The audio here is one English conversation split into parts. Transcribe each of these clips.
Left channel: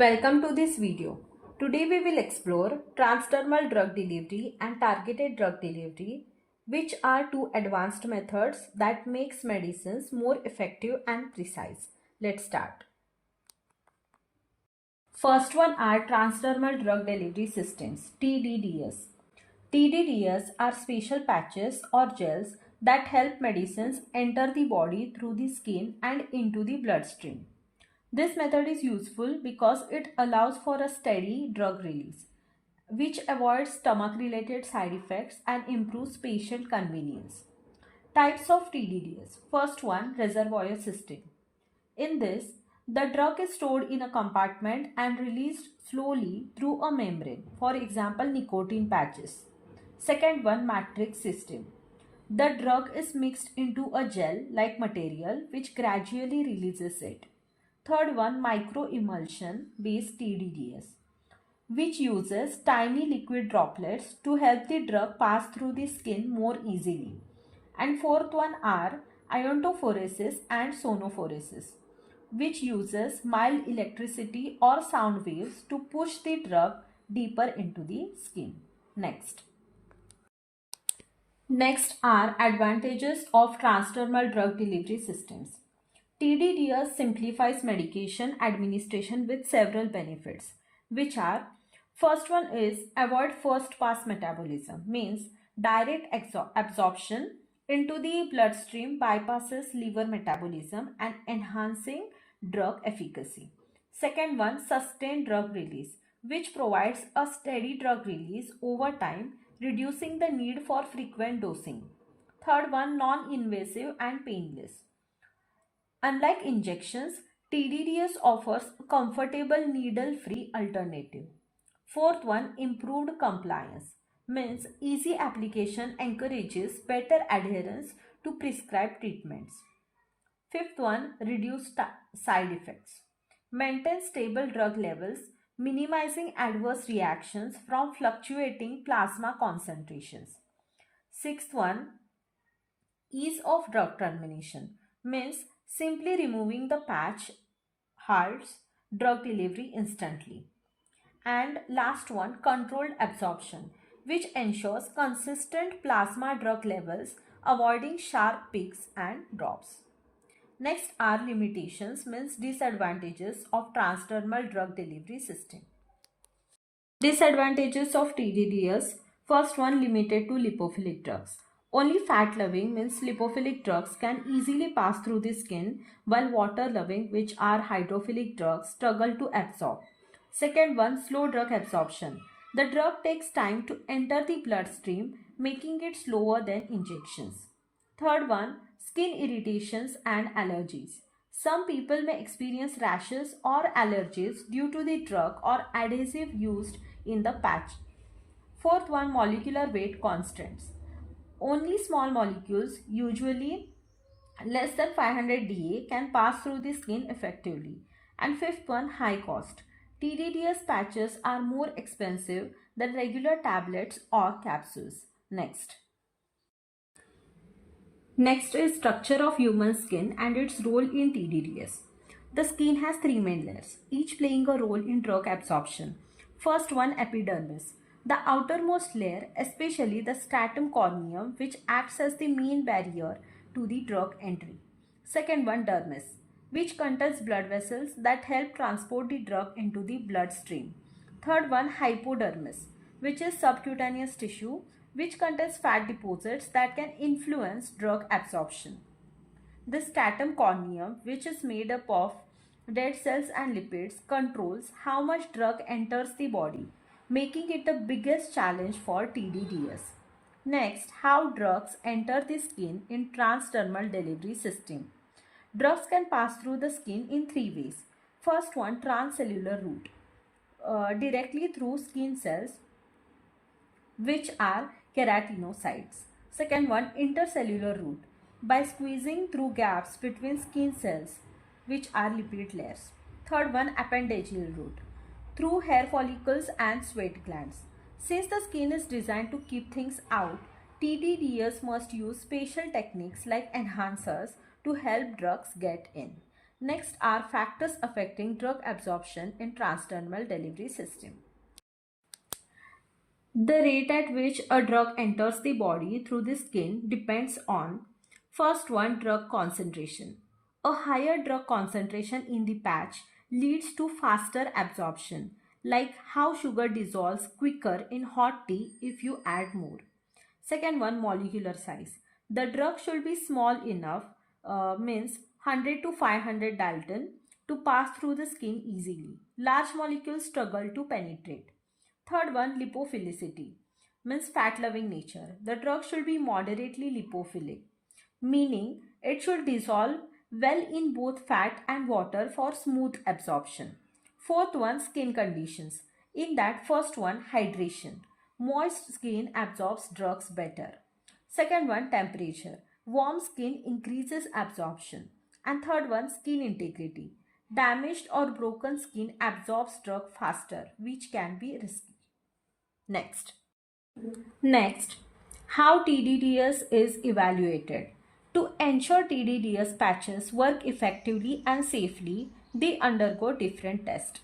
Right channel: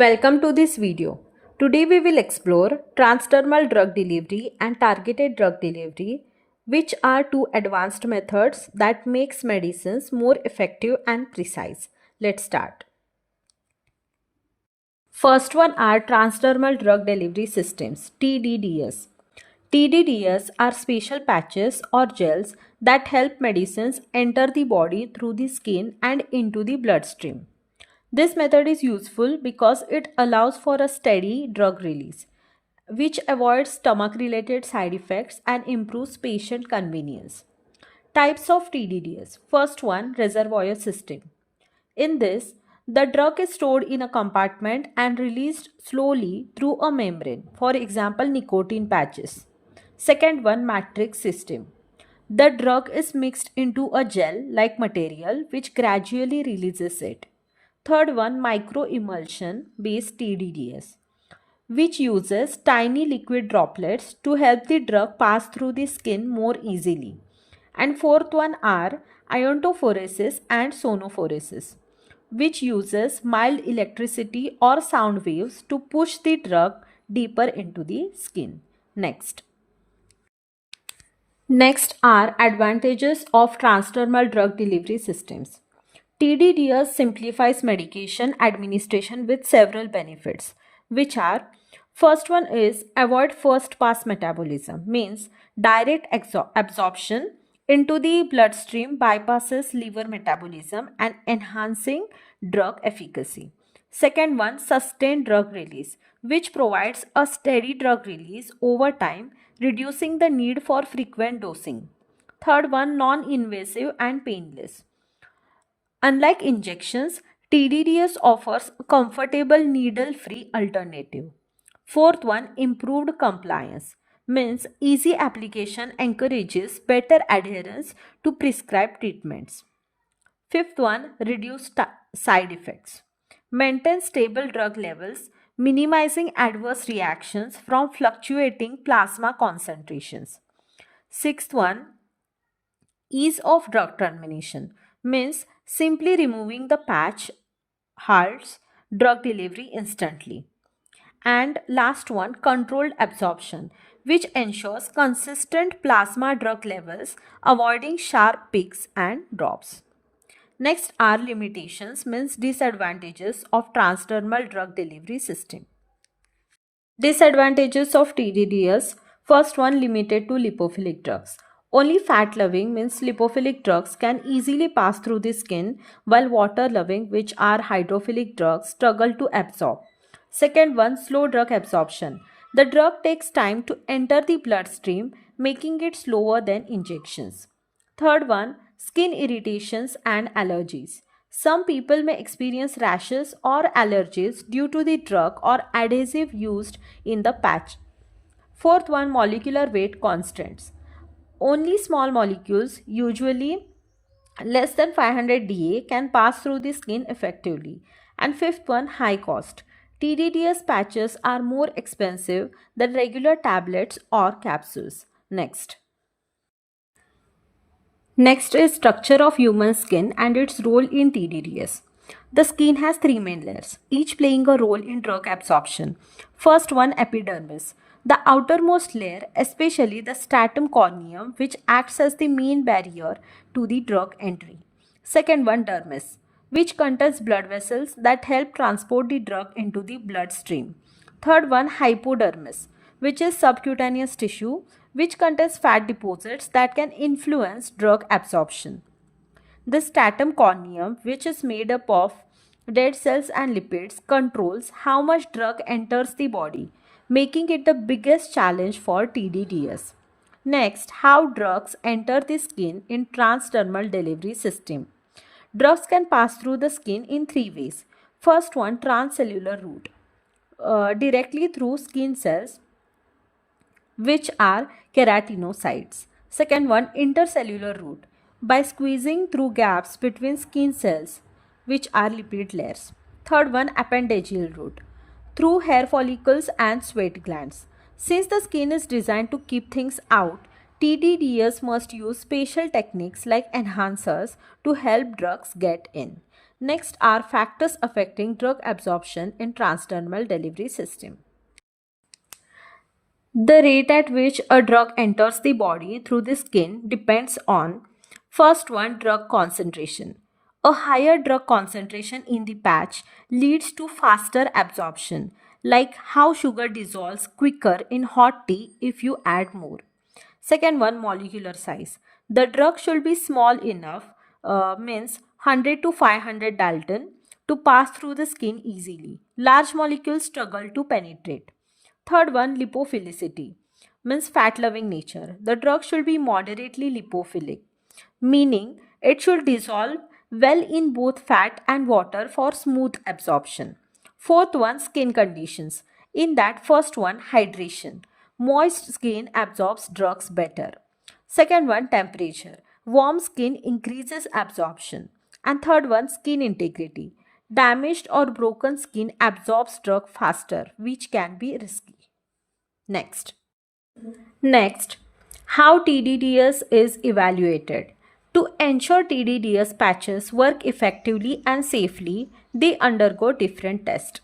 Welcome to this video. Today we will explore transdermal drug delivery and targeted drug delivery, which are two advanced methods that makes medicines more effective and precise. Let's start. First one are transdermal drug delivery systems, TDDS. TDDS are special patches or gels that help medicines enter the body through the skin and into the bloodstream. This method is useful because it allows for a steady drug release, which avoids stomach-related side effects and improves patient convenience. Types of TDDS. First one, reservoir system. In this, the drug is stored in a compartment and released slowly through a membrane, for example, nicotine patches. Second one, matrix system. The drug is mixed into a gel-like material which gradually releases it. Third one, microemulsion based TDDS, which uses tiny liquid droplets to help the drug pass through the skin more easily. And fourth one are iontophoresis and sonophoresis, which uses mild electricity or sound waves to push the drug deeper into the skin. Next are advantages of transdermal drug delivery systems. TDDS simplifies medication administration with several benefits, which are: first one is avoid first pass metabolism, means direct absorption into the bloodstream bypasses liver metabolism and enhancing drug efficacy. Second one, sustained drug release, which provides a steady drug release over time, reducing the need for frequent dosing. Third one, non-invasive and painless. Unlike injections, TDDS offers a comfortable needle-free alternative. Fourth one, improved compliance, means easy application encourages better adherence to prescribed treatments. Fifth one, reduced side effects. Maintain stable drug levels, minimizing adverse reactions from fluctuating plasma concentrations. Sixth one, ease of drug termination, means simply removing the patch halts drug delivery instantly. And last one, controlled absorption, which ensures consistent plasma drug levels, avoiding sharp peaks and drops. Next are limitations, means disadvantages of transdermal drug delivery system. Disadvantages of TDDS. First one, limited to lipophilic drugs. Only fat-loving, means lipophilic drugs, can easily pass through the skin, while water-loving, which are hydrophilic drugs, struggle to absorb. Second one, slow drug absorption. The drug takes time to enter the bloodstream, making it slower than injections. Third one, skin irritations and allergies. Some people may experience rashes or allergies due to the drug or adhesive used in the patch. Fourth one, molecular weight constants. Only small molecules, usually less than 500 Da, can pass through the skin effectively. And fifth one, high cost. TDDS patches are more expensive than regular tablets or capsules. Next is structure of human skin and its role in TDDS. The skin has three main layers, each playing a role in drug absorption. First one, epidermis. The outermost layer, especially the stratum corneum, which acts as the main barrier to the drug entry. Second one, dermis, which contains blood vessels that help transport the drug into the bloodstream. Third one, hypodermis, which is subcutaneous tissue which contains fat deposits that can influence drug absorption. The stratum corneum, which is made up of dead cells and lipids, controls how much drug enters the body, making it the biggest challenge for TDDS. Next, how drugs enter the skin in transdermal delivery system. Drugs can pass through the skin in three ways. First one, transcellular route, directly through skin cells, which are keratinocytes. Second one, intercellular route, by squeezing through gaps between skin cells, which are lipid layers. Third one, appendageal route, through hair follicles and sweat glands. Since the skin is designed to keep things out, TDDS must use special techniques like enhancers to help drugs get in. Next are factors affecting drug absorption in transdermal delivery system. The rate at which a drug enters the body through the skin depends on first one, drug concentration. A higher drug concentration in the patch leads to faster absorption, like how sugar dissolves quicker in hot tea if you add more. Second one, molecular size. The drug should be small enough, means 100 to 500 Dalton, to pass through the skin easily. Large molecules struggle to penetrate. Third one, lipophilicity, means fat loving nature. The drug should be moderately lipophilic, meaning it should dissolve well in both fat and water for smooth absorption. Fourth one, skin conditions. In that first one, hydration. Moist skin absorbs drugs better. Second one, temperature. Warm skin increases absorption. And third one, skin integrity. Damaged or broken skin absorbs drug faster, which can be risky. Next, how TDDS is evaluated. To ensure TDDS patches work effectively and safely, they undergo different tests.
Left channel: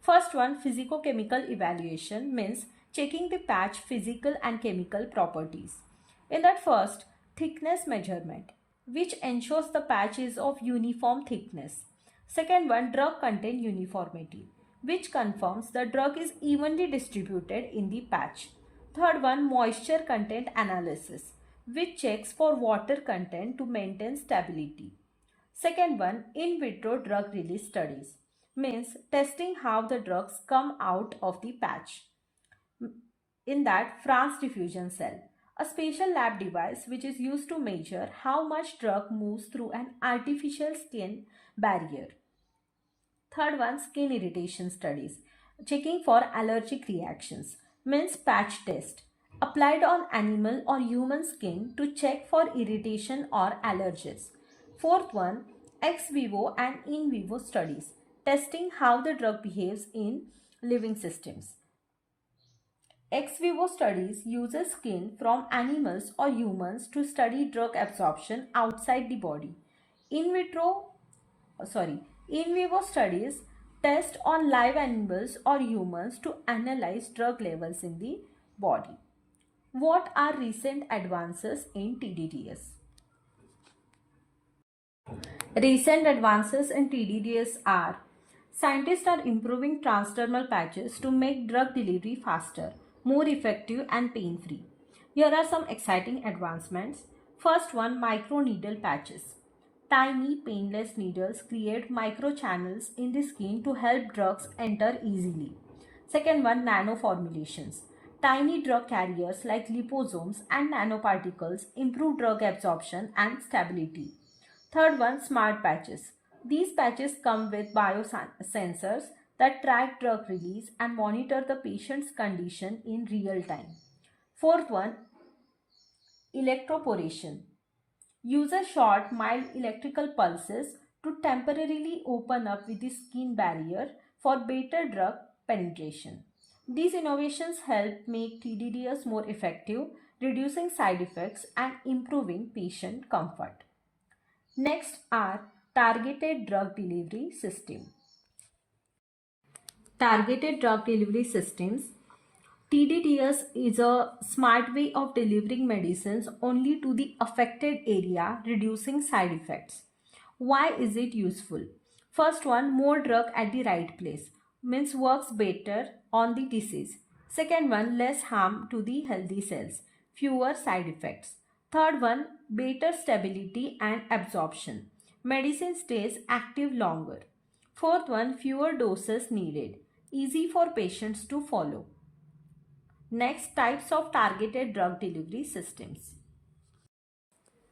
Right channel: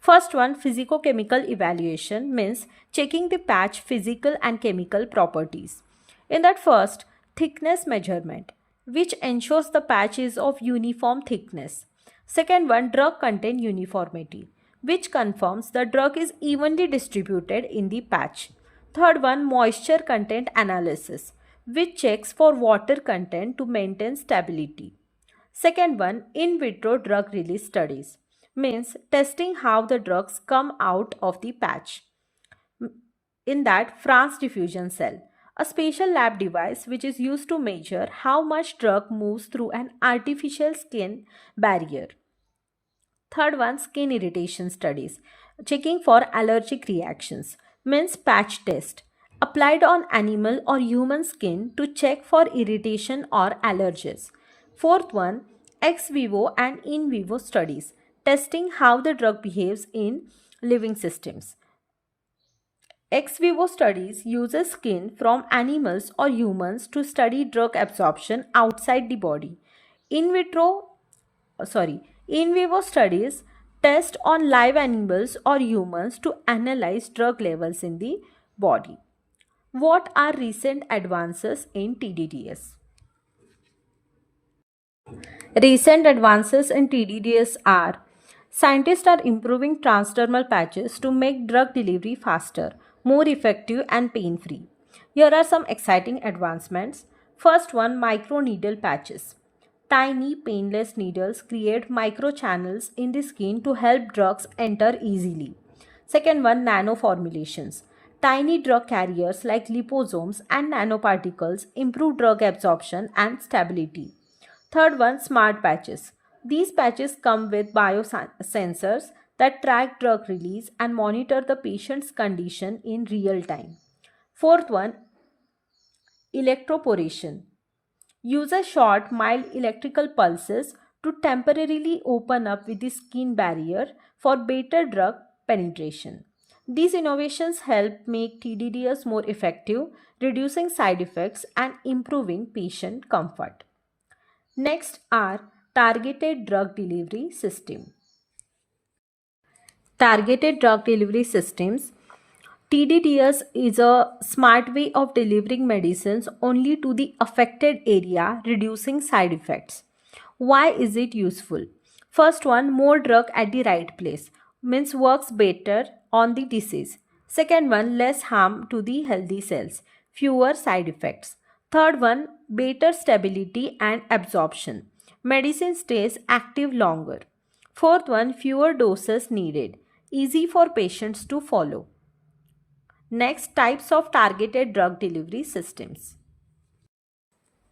First one, physicochemical evaluation, means checking the patch physical and chemical properties. In that first, thickness measurement, which ensures the patch is of uniform thickness. Second one, drug content uniformity, which confirms the drug is evenly distributed in the patch. Third one, moisture content analysis, which checks for water content to maintain stability. Second one, in vitro drug release studies, means testing how the drugs come out of the patch. In that, France diffusion cell, a special lab device which is used to measure how much drug moves through an artificial skin barrier. Third one, skin irritation studies, checking for allergic reactions, means patch test, applied on animal or human skin to check for irritation or allergies. Fourth one, ex vivo and in vivo studies, testing how the drug behaves in living systems. Ex vivo studies uses skin from animals or humans to study drug absorption outside the body. In vitro sorry, in vivo studies test on live animals or humans to analyze drug levels in the body. What are recent advances in TDDS? Recent advances in TDDS are: scientists are improving transdermal patches to make drug delivery faster, more effective, and pain free. Here are some exciting advancements. First one, microneedle patches. Tiny painless needles create microchannels in the skin to help drugs enter easily. Second one, nano formulations. Tiny drug carriers like liposomes and nanoparticles improve drug absorption and stability. Third one, smart patches. These patches come with biosensors that track drug release and monitor the patient's condition in real time. Fourth one, electroporation. Use a short, mild electrical pulses to temporarily open up with the skin barrier for better drug penetration. These innovations help make TDDS more effective, reducing side effects and improving patient comfort. Next are targeted drug delivery system. Targeted drug delivery systems. TDDS is a smart way of delivering medicines only to the affected area, reducing side effects. Why is it useful? First one, more drug at the right place, means works better on the disease. Second one, less harm to the healthy cells, fewer side effects. Third one, better stability and absorption. Medicine stays active longer. Fourth one, fewer doses needed, easy for patients to follow. Next, types of targeted drug delivery systems.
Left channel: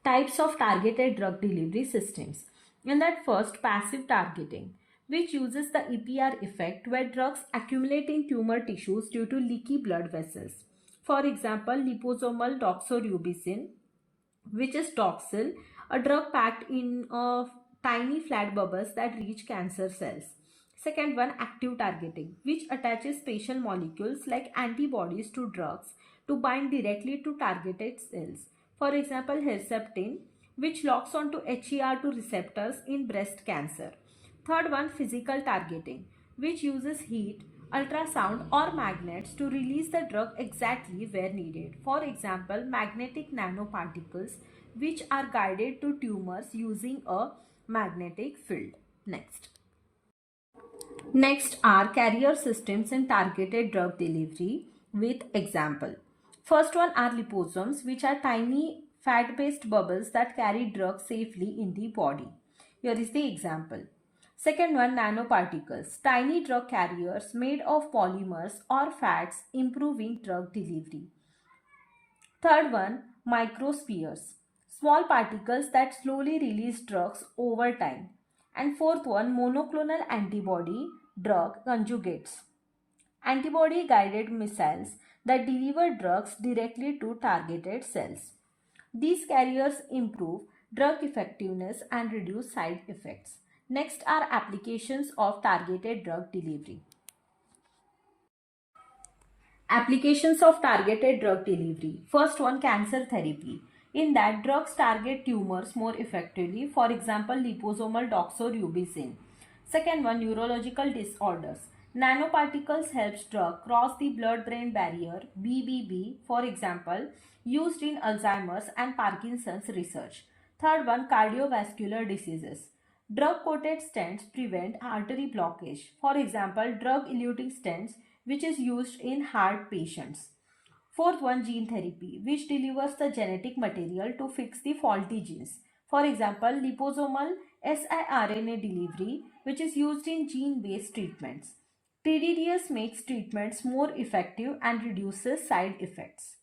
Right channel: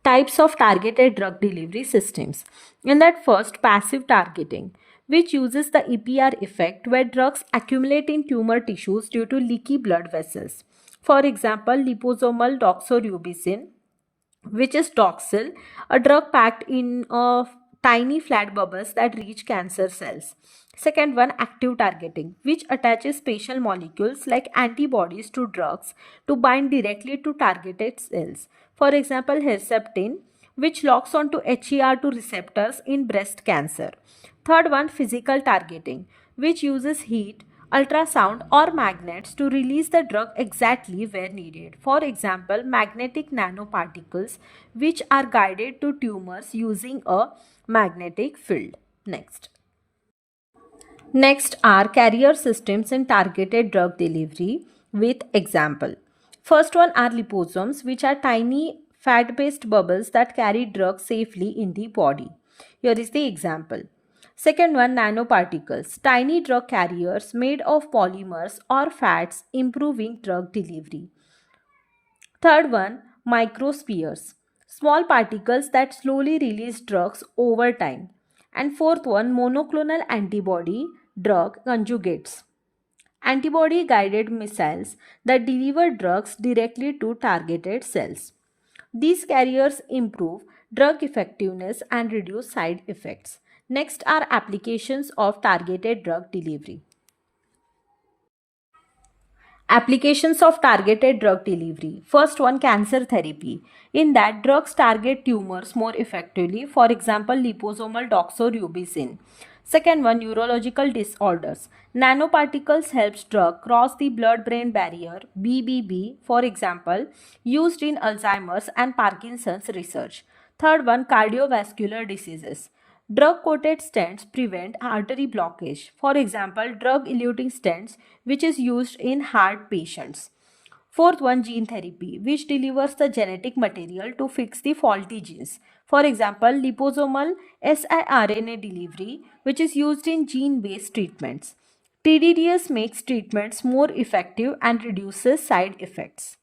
Types of targeted drug delivery systems. In that first, passive targeting, which uses the EPR effect where drugs accumulate in tumor tissues due to leaky blood vessels. For example, liposomal doxorubicin, which is Doxil, a drug packed in tiny flat bubbles that reach cancer cells. Second one, active targeting, which attaches special molecules like antibodies to drugs to bind directly to targeted cells. For example, herceptin, which locks onto HER2 receptors in breast cancer. Third one, physical targeting, which uses heat, ultrasound or magnets to release the drug exactly where needed. For example, magnetic nanoparticles which are guided to tumors using a magnetic field. Next are carrier systems in targeted drug delivery with example. First one are liposomes, which are tiny fat-based bubbles that carry drugs safely in the body. Here is the example. Second one, nanoparticles, tiny drug carriers made of polymers or fats improving drug delivery. Third one, microspheres, small particles that slowly release drugs over time. And fourth one, monoclonal antibody drug conjugates, antibody guided missiles that deliver drugs directly to targeted cells. These carriers improve drug effectiveness and reduce side effects. Next are applications of targeted drug delivery. Applications of targeted drug delivery. First one, cancer therapy. In that, drugs target tumors more effectively. For example, liposomal doxorubicin. Second one, neurological disorders. Nanoparticles helps drug cross the blood-brain barrier, BBB, for example, used in Alzheimer's and Parkinson's research. Third one, cardiovascular diseases. Drug-coated stents prevent artery blockage. For example, drug-eluting stents, which is used in heart patients. Fourth one, gene therapy, which delivers the genetic material to fix the faulty genes. For example, liposomal siRNA delivery, which is used in gene-based treatments. TDDS makes treatments more effective and reduces side effects.